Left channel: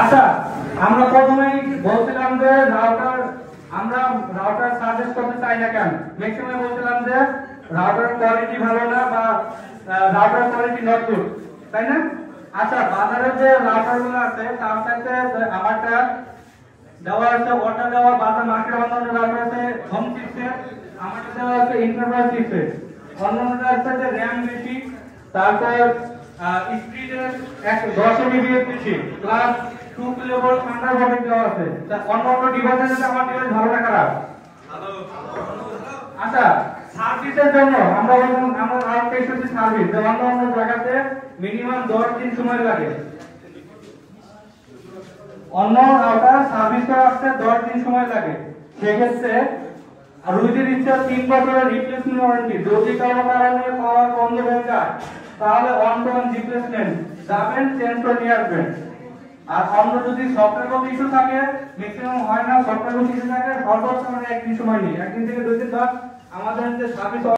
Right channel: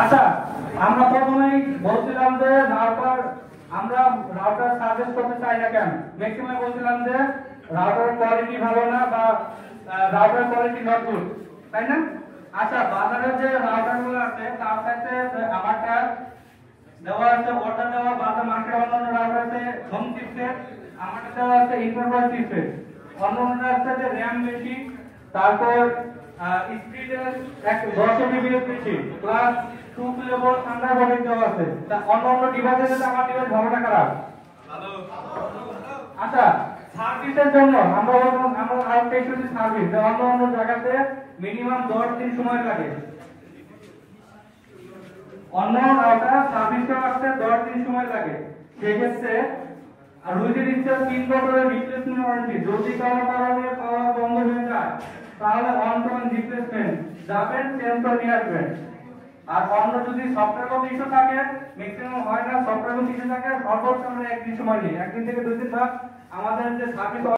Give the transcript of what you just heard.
আচ্ছা, আমরা প্রথমেই বলছিলাম যে আমরা রাউটার সাজেস্ট করতে চাই না কেন। ম্যাক্সিমাম বলছিলাম যে রাউটার কোয়ালিটি ভালো না বা রাউটার কোয়ালিটি নট গুড, তাই না? আচ্ছা, বাজারে যে রাউটারগুলো আছে তার সাথে আমারটা দেওয়া আছে ওটা দেওয়া বাজার মার্কেট অন্যান্য রাউটার আছে হোম চিপসেট, আমারটা দেওয়া আছে ইন্টারনাল চিপসেট, অন্যান্যটা আছে যে র্যাম বেশি, তারপর স্পিডের 10 MB বেশি প্লাস 2 কিলোভোল্ট থান্ডারবোল্ট দেওয়া আছে। তা অন্যান্য ডিভাইসের সাথে আমার ডিভাইস ভালো না খারাপ? ভালো। আচ্ছা, সার্ভিসের জন্য আমরা আরেকটা ইস্যু সার্ভিস, অন্য জায়গাতে মিনিমাম 10 দিন সময় লাগে, অন্য রাউটার সার্ভিস করাতে 10 দিন সময় লাগে। সেক্ষেত্রে আর যদি দিচ্ছে 3 বছরের রিপ্লেসমেন্ট ওয়ারেন্টি, যদি কারো কারণে পাওয়ার বন্ধ হয়ে যায় তাহলে অন টাইম রিপ্লেসমেন্ট যাবেন, চেঞ্জ করে নিয়ে আসবেন। আর অন্য যদি সফটওয়্যার কোনো ইস্যু থাকে, ম্যাক্সিমাম হয় না, সফটওয়্যার কোনো ইস্যু থাকে সর্বোচ্চ 1 দিন সময় নিয়ে 1 দিন থেকে 2 দিন আমাদের যে সার্ভিস